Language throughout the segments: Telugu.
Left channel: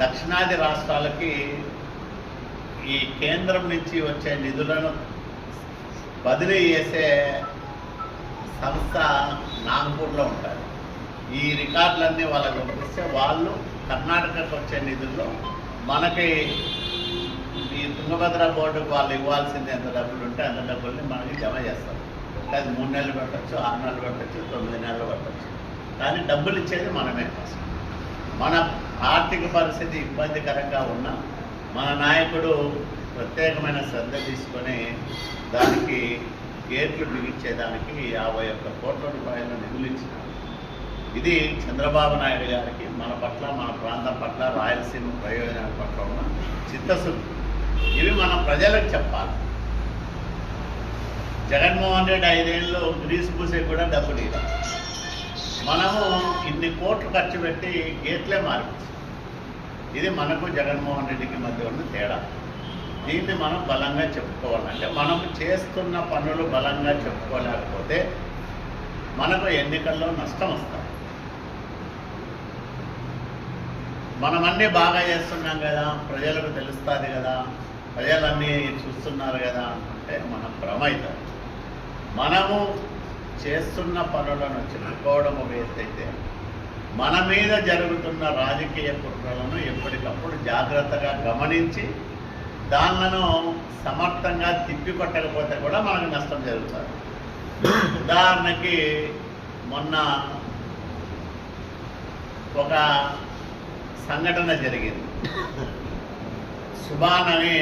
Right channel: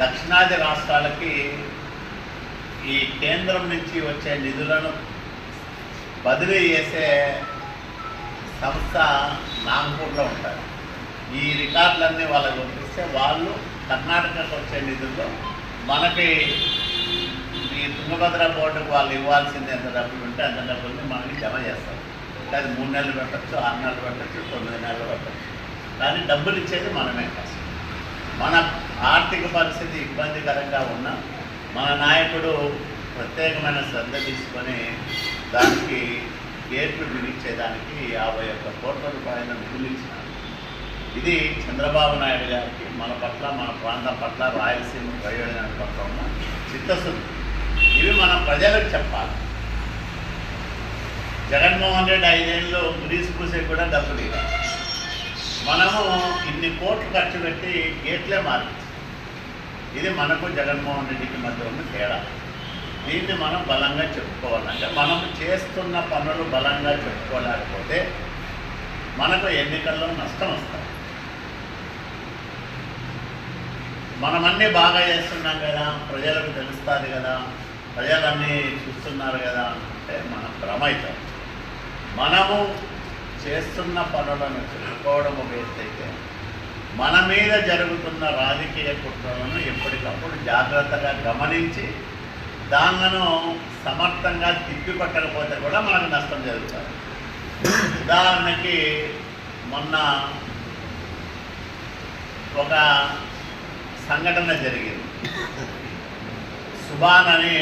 దక్షిణాది రాష్ట్రాలకి ఈ కేంద్రం నుంచి వచ్చే నిధులను బదిలీ చేసే సంస్థ నాగపూర్లో ఉంటారు. ఈ రికార్డులన్నీ వాళ్ళకి పంపిస్తే వాళ్ళు కర్ణాటకకు వచ్చే నిధుల్లో మనకి ఈ తుంగభద్ర బోర్డుకు వాళ్ళు ఇవ్వాల్సింది ఎంత డబ్బులు ఉంటే అంత డబ్బులు మనకి జమ చేస్తారు. అది 3 నెలలు పెట్టచ్చు, 6 నెలలు పెట్టచ్చు, 9 నెలలు పెట్టచ్చు. కానీ డబ్బులు ఇచ్చేది మనమే. మన ఆర్థిక పరిస్థితి ఇబ్బందికరంగా ఉన్న మన నాయకుడు ప్రత్యేకమైన శ్రద్ధ తీసుకొని దానికి గేట్లు బిగించేదానికి 51 కోట్ల రూపాయల నిధులు ఇచ్చినారు. ఇది చంద్రబాబు నాయుడు గారికి మన పట్ల, మన ప్రాంతం పట్ల, రాయలసీమ ప్రయోజనాల పట్ల ఉన్న చిత్తశుద్ధి. ఇవి మనం ప్రజలకు చెప్పాలి. జగన్మోహన్ రెడ్డి 5 ఏళ్ళు గ్రీస్ పూసే కూడా డబ్బులు ఇవ్వాలి. మనము ఇన్ని కోట్లు ఖర్చు పెట్టి గేట్లే మార్చి, ఇది మనకు జగన్మోహన్ రెడ్డికి మధ్య ఉన్న తేడా. దీన్ని మనం బలంగా చెప్పుకోవాలంటే మనం చేస్తున్న పనులు బలంగా చెప్పుకోలేకపోతే మనకు ఎన్నికల్లో నష్టం వస్తుంది. మనమన్నీ బాగా చేస్తున్నాం కదా, ప్రజలకు తెలుస్తుంది కదా, ప్రజలన్నీ చూస్తున్నారు కదా అంటే మనం భ్రమ అవుతాం. మనము చేస్తున్న పనులను చెప్పుకోవడం ఒక ఎత్తైతే మన మీద జరుగుతున్న రాజకీయ కుట్రలను ఎప్పటికప్పుడు జాగ్రత్తగా గమనించి దానిలను సమర్థంగా తిప్పిపట్టకపోతే కూడా మనకు నష్టం జరుగుతుంది. ఉదాహరణకి మొన్న ఒక సంఘటన జరిగింది. సుభాన్ అని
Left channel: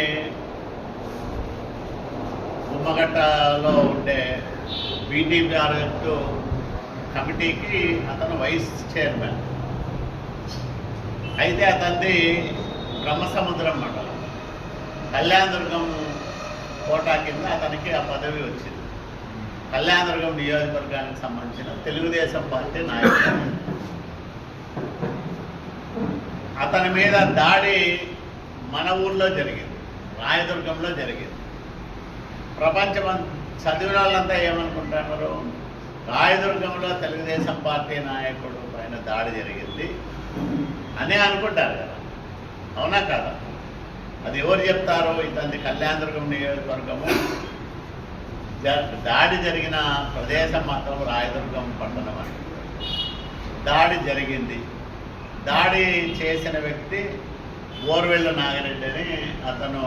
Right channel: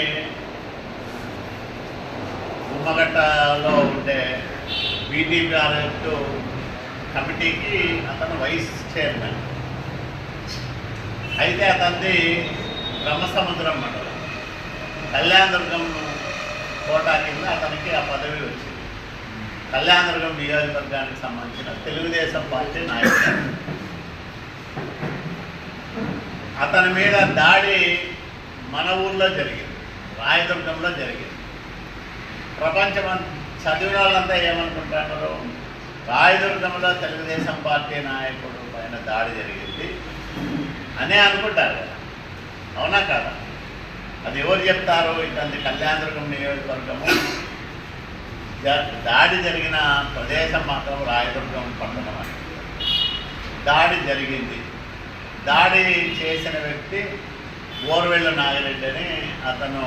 గుమ్మగట్టలో ఉండే బీటీపీ ప్రాజెక్టు కమిటీకి అతను వైస్ చైర్మన్. అయితే అతనిది బ్రహ్మసముద్రం మండలం కళ్యాణదుర్గం కోటా కింద అతనికి ఆ పదవి వచ్చింది. కళ్యాణదుర్గం నియోజకవర్గానికి సంబంధించిన తెలుగుదేశం పార్టీ నాయకుడు. అతని మీద దాడి మన ఊర్లో జరిగింది, రాయదుర్గంలో జరిగింది. ప్రపంచం చదివిన వాళ్ళంతా ఏమనుకుంటున్నారు, రాయదుర్గంలో తెలుగుదేశం పార్టీ నాయకుడు పైన దాడి జరిగింది అనే అనుకుంటారు కదా. అవునా కాదా? అది ఎవరు చెప్తారో, ఇతని కళ్యాణదుర్గం నియోజకవర్గము, దాడి జరిగిన ప్రదేశం మాత్రం రాయదుర్గం పట్టణం అని. దాడి జరిగింది. దాడి చేసిన వ్యక్తి ఓర్వెల్లు నాగిరెడ్డి అని, అతను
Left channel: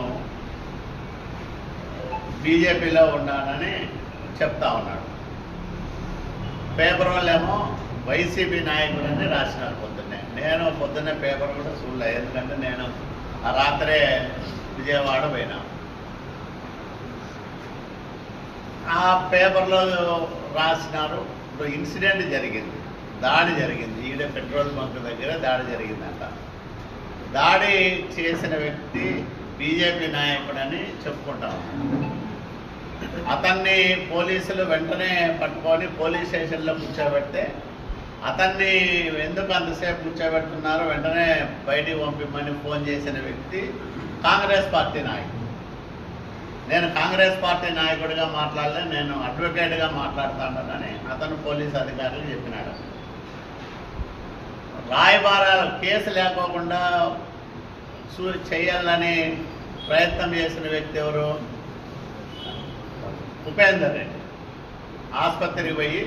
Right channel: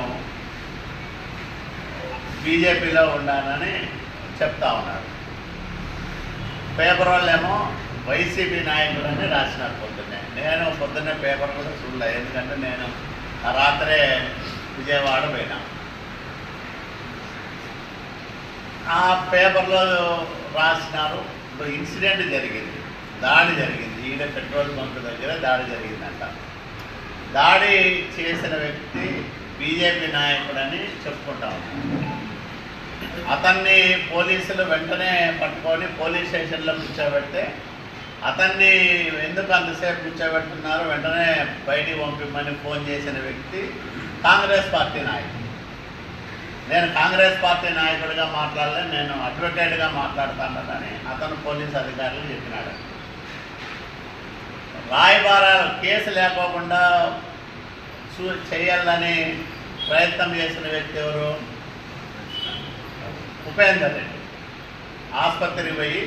బీజేపీలో ఉండాలని చెప్తా ఉన్నాడు. పేపర్ వాళ్ళేమో వైసీపీ నాయకులని రాసినారు పొద్దున్నే. నేను పొద్దున్నే పేపర్ కూడా చూడలే, ఎందుకంటే నేను ఆ రాత్రే విజయవాడ పోయినా. ఆ పేపర్లో రాసినారు, ఇప్పుడు ఇన్సిడెంట్ జరిగింది, దాడి జరిగింది, ఈడ పెట్రోల్ బంక్ దగ్గర దాడి జరిగిందంట. దాడి చేసిన వ్యక్తి బీజేపీ నాయకుడని చెప్పుకుంటా ఉన్నాడు. అతన్ని పోలీసులు వెంటనే పట్టుకొని పోలీస్ స్టేషన్లో కూర్చోబెడితే, అతన్ని ఎందుకు అంతసేపు కూర్చోబెడుతున్నారు, వెంటనే బయటికి పంపిమ్మని ఫోన్ చేసిన వ్యక్తి కాంగ్రెస్ పార్టీ నాయకుడు. నేను కాంగ్రెస్ పార్టీ నాయకుడిగా మాట్లాడలే, నేను అడ్వకేట్గా మాట్లాడుతానని అతను పోలీసు అధికారులు చెప్పినాడు. రాయబారాలు కేసు లేకోకుండా చేయాలని ప్రయత్నం చేసిన వ్యక్తి ఎవరు? ఉపేందర్ రెడ్డి. ఆసుపత్రికి పోయి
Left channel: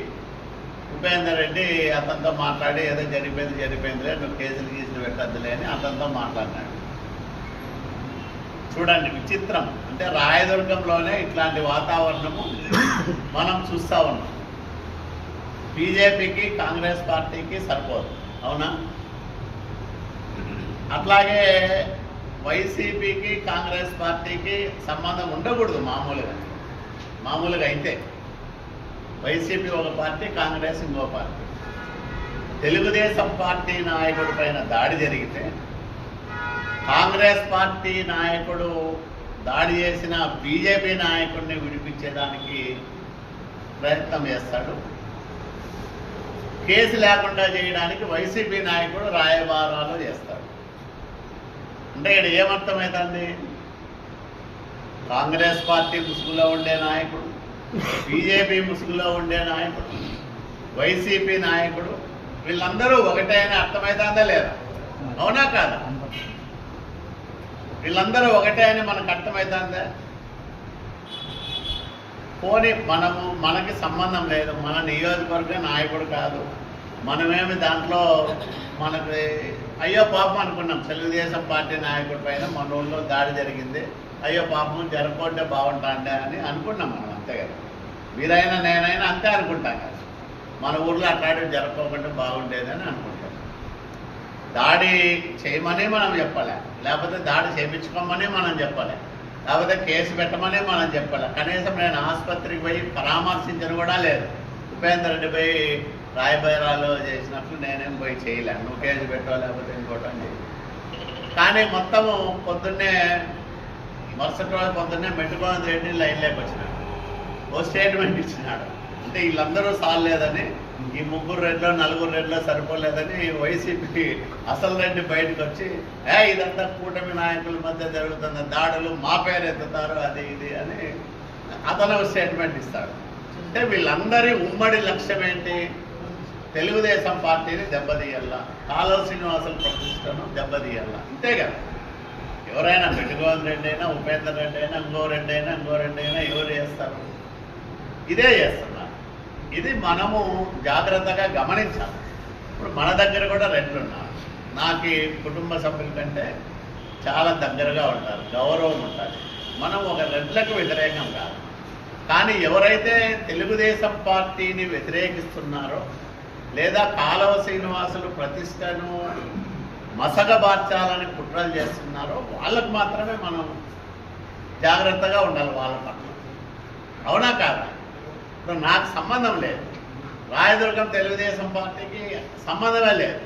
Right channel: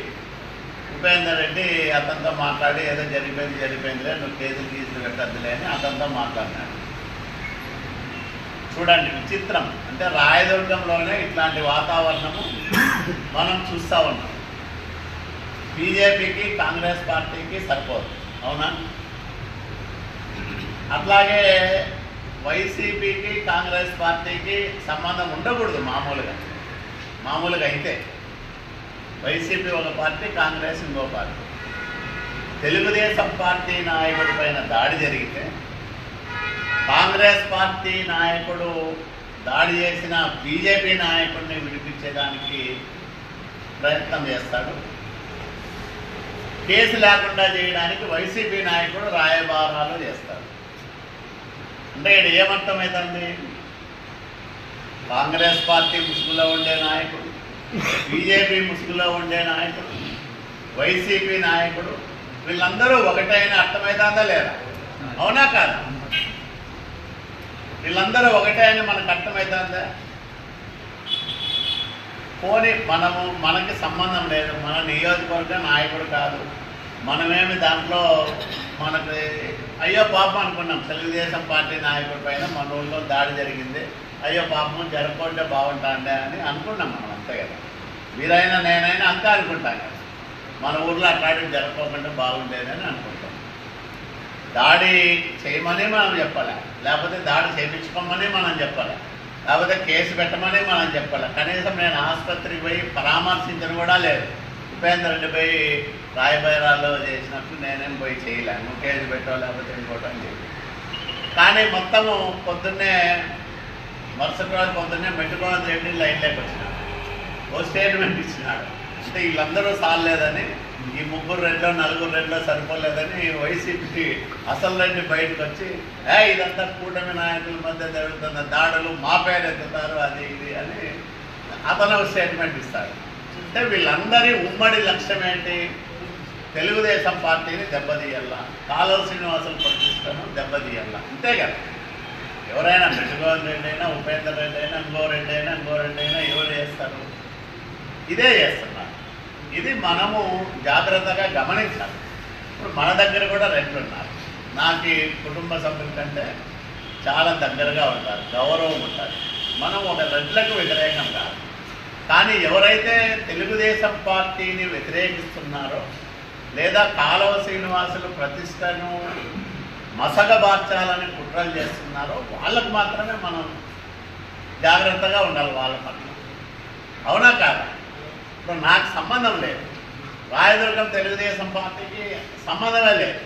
ఉపేందర్ రెడ్డి అతనితో మాట్లాడి, ఏదో జరిగిపోయిందిలే, నువ్వు కేసులు పెట్టద్దులే అని అతనితో మాట్లాడినాడు. చూడండి విచిత్రం. అంటే రాయదుర్గంలోనే ఇట్లాంటి వాతావరణము మనం చూస్తూ ఉన్నాం. బీజేపీకి కాంగ్రెస్ పార్టీకి సరిపోదు, అవునా? అట్లాగే వైసీపీకి కాంగ్రెస్ పార్టీకి సంబంధం ఉండకూడదు. మామూలుగా అయితే వైసీపీ ఒక పార్టీ, కాంగ్రెస్ ఇంకో పార్టీ. తెలుగుదేశం పార్టీ నాయకుడి పైన దాడి జరిగితే కాంగ్రెస్ పార్టీ నాయకుడు దాడి చేసిన బీజేపీ నాయకుడిని విడిపించేదానికి ప్రయత్నం చేస్తాడు. కేసు లేకుండా చేయడానికి వైసీపీ నాయకుడు రాయబారాలు చేస్తాడు. అంటే ఇక్కడ ఏమర్థమవుతుంది? కాంగ్రెస్ పార్టీ ముసుగులో ఉండే నాయకుడు, బీజేపీ ముసుగులో ఉండే నాయకుడు, వైసీపీ నాయకుడు, వీళ్ళందరూ ఒకటైన అర్థమవుతుందా లేదా? అవునా కాదా? వీళ్ళందరూ ఒకటే అని మనకు అర్థమవుతుందా? పోనీ మనకి సంబంధం లేదు, మన నియోజకవర్గ నాయకుడు కాదు, మనమేమి దాంట్లో మనకి అయ్యో పాపం అనుకున్నాం. తెలుగుదేశం పార్టీ నాయకుడి పైన మన ఊళ్ళో దాడి జరిగింది, అయ్యో పాపం జరగకుంటే బాగుంటుండే అని అనుకున్నాం మనం, అంతే కదా. మీరైనా నేనైనా అంతే అనుకుంటాం కదా, మన ఊర్లో అట్లాంటివి జరగకోకుండా బాగుండేదని అనుకుంటాం. దాడి చేయమని మనం చెప్పాలి, లేకపోతే దాడి చేయించుకోమని మనం చెప్పాలి, లేకపోతే కేసు పెట్టమని మనం చెప్పాలి. కనీసం నేను ఆసుపత్రికి పోయి పరామర్శించను కూడా లేదు. ఉపేందర్ రెడ్డి పోయి రాయబైరాలో చేసినప్పుడు నేనేం పోయి చేయలే, నువ్వు కేసు పెట్టావు లేకపోతే ఇంకోటి అని చెప్పి. కానీ మొత్తము పొద్దున్నే మరుసటి రోజు పొద్దున్నే మెట్టుకోవడం రెడ్డి లైన్లోకి వచ్చినాడు, ఓ స్టేట్మెంట్ ఇచ్చినాడు. అంటే వీళ్ళందరూ సాలేదని, ఈ 3 రెడ్లో 4 రెడ్లో సరిపోలేదని వైసీపీ అసలు రెడ్డి బయటకు వచ్చి ఇదంతా కూటమి నాయకుల మధ్య జరుగుతున్న దాడులు, మా పేరు ఎత్తుతారు, అది ఇది అని అతను స్టేట్మెంట్ ఇస్తాడు. అంటే వీళ్ళందరి ఉమ్మడి లక్ష్యం ఏంటి? తెలుగుదేశం పార్టీని దెబ్బతీయాలా, కాలువ శ్రీనివాసులు ప్రతిష్టను దెబ్బతీయాలా, అంతే కదా. ఎవరైనా మెట్టుగోవింద్ రెడ్డి అయినా, ఉపేందర్ రెడ్డి అయినా, ఇంకో రెడ్డి అయినా ఎవరు చేస్తారు? ఇదే చేస్తున్నారు. ఇది మనము జాగ్రత్తగా గమనించాలి. ఇప్పుడు మన దగ్గర కూడా రెడ్లు ఉన్నారు, నాకు కుటుంబ సభ్యుల కంటే చాలా దగ్గరగా ఉంటారు, గౌరవం ఉంటుంది. మనం ఒక రెడ్లకు వ్యతిరేకం కాదు. కానీ ఎవరైతే తెలుగుదేశం పార్టీని వ్యతిరేకిస్తున్నారో, లేదా కాలువ శ్రీనివాసులు ప్రతిష్టను మసగబార్చాలని కుట్రలు చేస్తున్నారో వాళ్ళకు మాత్రమే మనం జాగ్రత్తగా ఉండాలి, వాళ్ళ పట్ల. అవునా కాదా? ఇప్పుడు నాకు సంబంధం లేదు, రాయదుర్గం తెలుగుదేశం పార్టీకి సంబంధమే లేదు.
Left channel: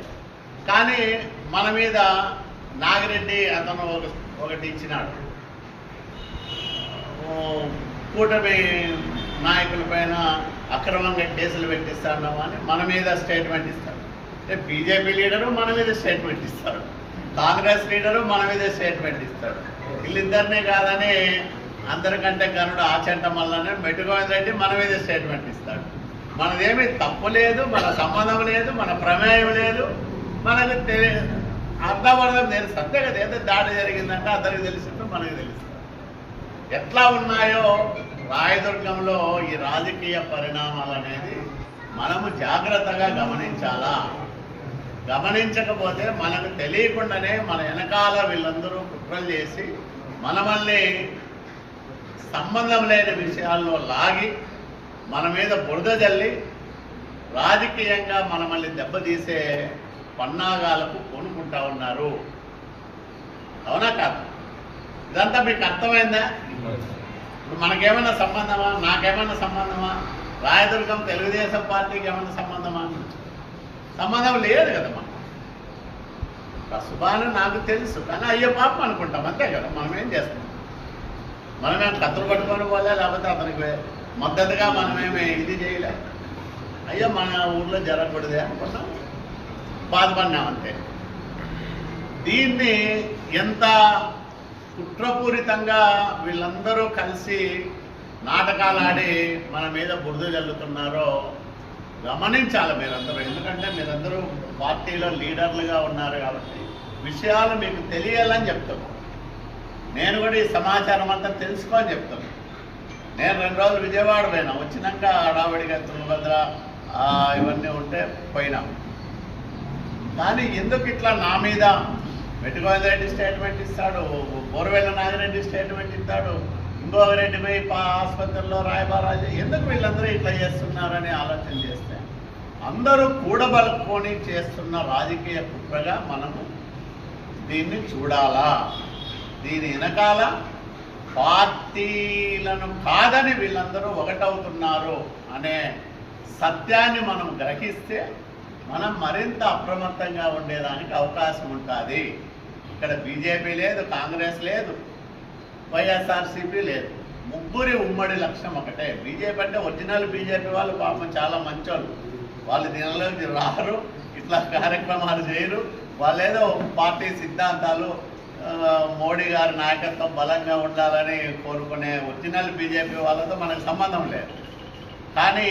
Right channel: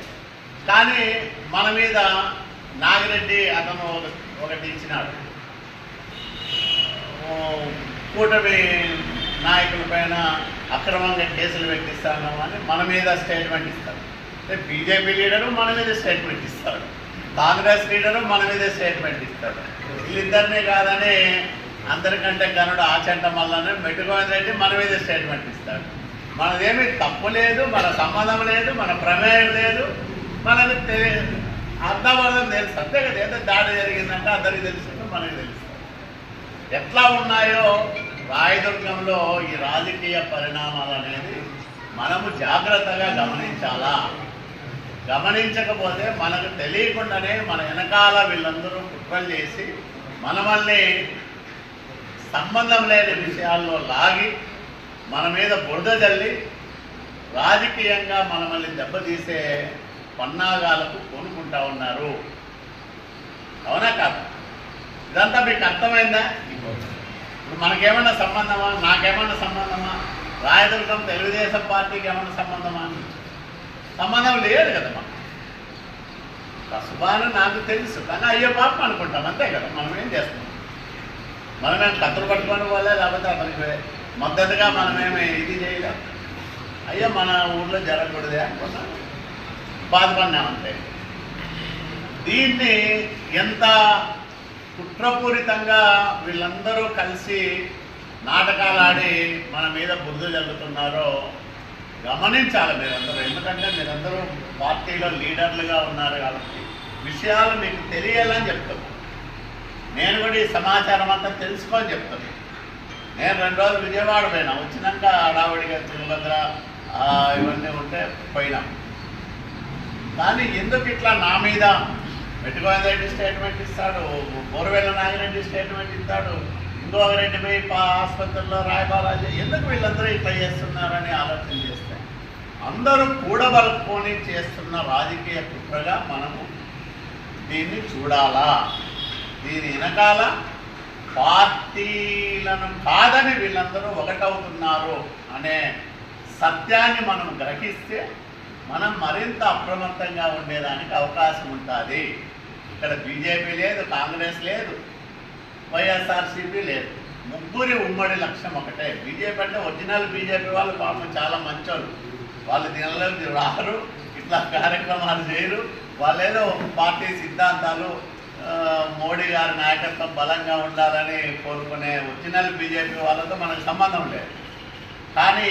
కానీ మన మీద నాగిరెడ్డి అతను ఒకటి ఇచ్చినాడు, కూటమి నాయకుల పైన అక్రమంగా కేసులు పెట్టిస్తాను అని మన మీద స్టేట్మెంట్ ఇస్తాడు. అంటే బీజేపీ లీడరు మన మీద స్టేట్మెంట్ ఇస్తాడు, కాంగ్రెస్ లీడరు మన మీద స్టేట్మెంట్ ఇస్తాడు. వీళ్ళిద్దరినీ కాదని అందరికంటే గనుడు ఆచంట మల్లనే మెట్టుగోవింద్ రెడ్డి మన మీద స్టేట్మెంట్ ఇస్తాడు. మనదేమీ తప్పు లేదు, మన సంబంధం లేదు, మన ప్రమేయం లేదు, మనకు అర్థమర్థం తెలుసు, అంతే కదా. ఏదో దాడి జరిగిందంటే అందరికి తెలుస్తుందో మనకు తెలుస్తుంది. ఎట్లా ఉన్నాయో రాయదుర్గంలో ఈ రాజకీయ పరిణామాలు అనేది మనము జాగ్రత్తగా గమనించాలా. గమనించకపోతే మనకు తెలియకుండానే మన వెనకాల వీళ్ళందరూ కుట్రలు చేసి మనమల్ని సంబంధం లేని విషయాల్లో లాగి మన మీద బురద జల్లి రాజకీయంగా మనమల్ని దెబ్బతీసే పన్నాగాలకు కొనుక్కుంటా ఉన్నారు. అవునా కాదు? ఇదంతా మీకు అర్థమైందా? ఇప్పుడు మనకేమన్నా సంబంధమా? నాకేమన్నా సంబంధమా? రాయదుర్గం తెలుగుదేశం పార్టీకి ఏమన్నా సంబంధమా? సంబంధం లేదు కదా. కసుబాను నాకు తెలుసు, కానీ అయ్యో పాపం అనుకుంటాం, అంతే కదా. మనం ఏం చేస్తాం? మనమేం కత్తులు పట్టుకొని పోలే, లేకపోతే అతనికి మద్దతుగా మనమేమి ఇది చేయలేం. అయ్యో మన ఊళ్ళో జరగకూడదే అనుకున్నాం, బాధపడినామంతే. దీన్ని ఎంత కుట్రపూరితంగా వీళ్ళందరూ కలిసి నాటకాలు ఆడి మన మీద బురద జల్లుతున్నారో గమనించాలి మీరందరూ. ఎందుకంటే మీరందరూ పార్టీలో లీడర్లుగా ఉన్నారు కాబట్టి విషయాలు మీకు తెలియాలని చెప్తాను. నేను కూడా ఈ సమాచారం అంతా తెలుసుకోని చెప్తాను. నేను 2 రోజులు విజయవాడ పోయినా, వచ్చినాక హడావిడిగా తుంగభద్ర ఇవన్నీ ఉంటే పోయినాం. కానీ ఎందుకు ఇట్లా నా మీద మెట్టుగోవింద్ రెడ్డి స్టేట్మెంట్ ఇస్తాడు, బోరవేళ్ళ నాగిరెడ్డి స్టేట్మెంట్ ఇస్తాడు, ఇంకొక రెడ్డి పోయి ఆసుపత్రిలో రాయబారాజు, ఎందుకు వీళ్ళందరూ ఇట్లా చేస్తున్నారని ఆలోచన చేస్తే అందరూ కూడబలుపుకొని చేస్తున్న రాజకీయ కుట్రగా మనము దీన్ని చూడాలా. దీని వెనకాల పార్టీలను కాదని వీళ్ళందరూ ఒకటవుతున్నారు అనే సత్యాన్ని మనం గ్రహిస్తే మనం మరింత అప్రమత్తంగా ఉండేదానికి అవకాశం ఉంటుంది. ఇక్కడ బీజేపీ లేదు, కాంగ్రెస్ లేదు, వైఎస్ఆర్సీపీ లేదు. ముగ్గురి ఉమ్మడి లక్ష్యం ఒకటే. బీజేపీ అంటే ఒరిజినల్ బీజేపీ వాళ్ళు పాపం చాలా మంచోళ్ళు, వాళ్ళు దీనిలోకి రారు, ఇట్లా కార్యక్రమాలు చేయరు. వాళ్ళేదో పార్టీ సిద్ధాంతాలు, మోడీ గారి నాయకత్వం బలంగా ఉండాలని కోరుకునే ఒరిజినల్ బీజేపీ వాళ్ళతో మనకు సంబంధం లేదు. కానీ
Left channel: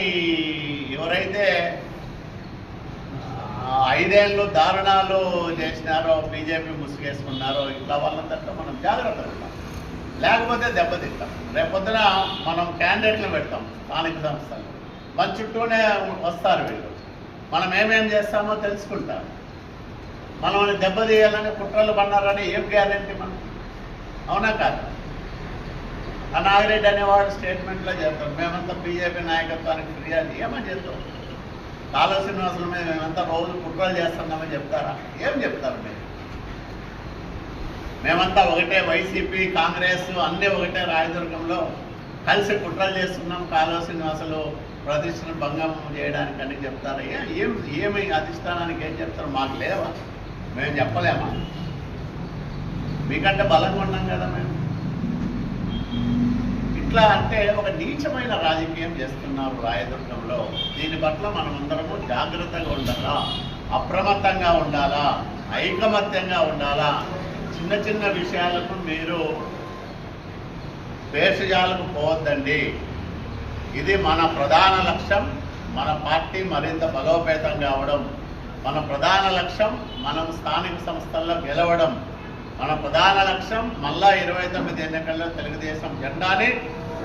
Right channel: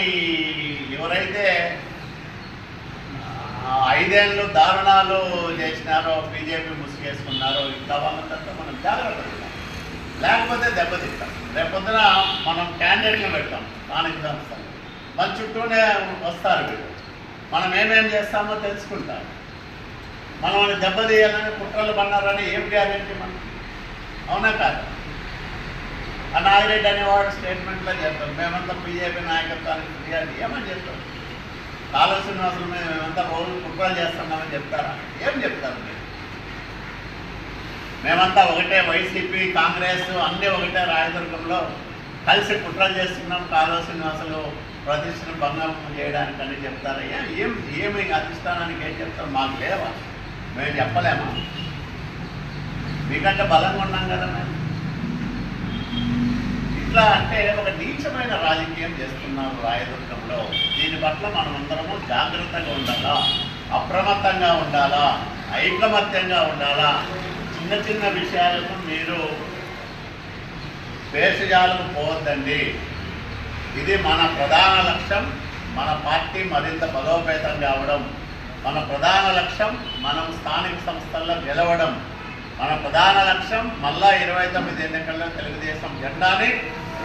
ఎవరైతే 5 ఏళ్ళు దారుణాలు చేసినారో, బీజేపీ ముసుగేసుకున్నారో, ఇట్లా వాళ్ళంతా మనం జాగ్రత్తగా ఉంటాం, లేకపోతే దెబ్బతింటాం. రేపొద్దున మనం క్యాండిడేట్లు పెడతాం స్థానిక సంస్థలు, మన చుట్టూనే వస్తారు వీళ్ళు, మనం ఏమేం చేస్తామో తెలుసుకుంటాం. మనం దెబ్బతీయాలని కుట్రలు పన్నారని ఏం గ్యారెంటీ మనం? అవునా కాదు? ఆ నాగిరెడ్డి అనేవాడు స్టేట్మెంట్లో చెప్తాం, మేమంతా బీజేపీ నాయకత్వానికి ఫిర్యాదు ఏమని చెప్తాం? కాలువ శ్రీనివాసుల మీద మేమంతా రోజు కుట్రలు చేస్తున్నామని చెప్తారా? ఏం చెప్తారు మీరు? మేమంతా ఒకటే, వైసీపీ కాంగ్రెస్ అన్నీ ఒకటే, రాయదుర్గంలో కలిసి కుట్రలు చేస్తున్నాం కాలువ శ్రీనివాసులు ప్రతిష్టను భంగం చేయడానికని చెప్తారా? ఏమి అధిష్టానానికి ఏం చెప్తారు? మాకు లేవా? మేము చెప్పలేమా? మీకంటే బలంగా ఉన్నాం కదా మేము. ఇట్లా అంటే ఒక నీచమైన రాజకీయం చేస్తున్నారు రాయదుర్గంలో. దీని పట్ల మనమందరము జాగ్రత్తగా ఉండాలా, అప్రమత్తంగా ఉండాలా, ఐకమత్యంగా ఉండాలా. చిన్న చిన్న విషయాలకు మీరు వేషజాలకు పోవద్దండి. ఇది మన ప్రధాన లక్ష్యం. మన పార్టీ మరింత బలోపేతం కావడం, మన ప్రధాన లక్ష్యం మనం స్థానిక సంస్థల్లో గెలవడం, మన ప్రధాన లక్ష్యం మళ్ళా 29 ఎన్నికల్లో తెలుగుదేశం జెండాని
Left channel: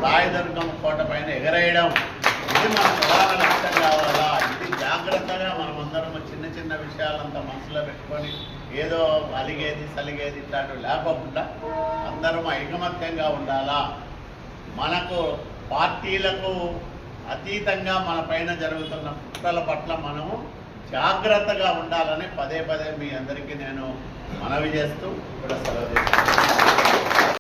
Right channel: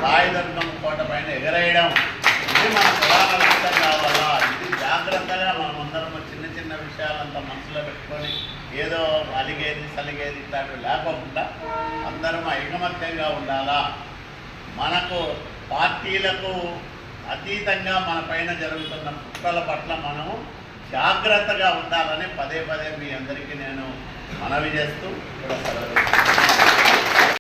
రాయదుర్గం కోట పైన ఎగరేయడం. ఇది మన ప్రధాన లక్ష్యం కావాలా. ఇది జాగ్రత్తగా మనమందరం చిన్న చిన్న విషయాలంతా మనసులో పెట్టుకొని ఏదో అలిగేది సలిగేది ఇట్లాంటివి లేకుండా అందరం ఐకమత్యంగా ఉండాలా. మనకు పార్టీలకు అతీతంగా మన పైన జరుగుతున్న కుట్రల పట్ల మనము జాగ్రత్తగా ఉండాలని పదే పదే మీ అందరికీ నేను మనవి చేస్తూ ఇక్కడ సెలవు.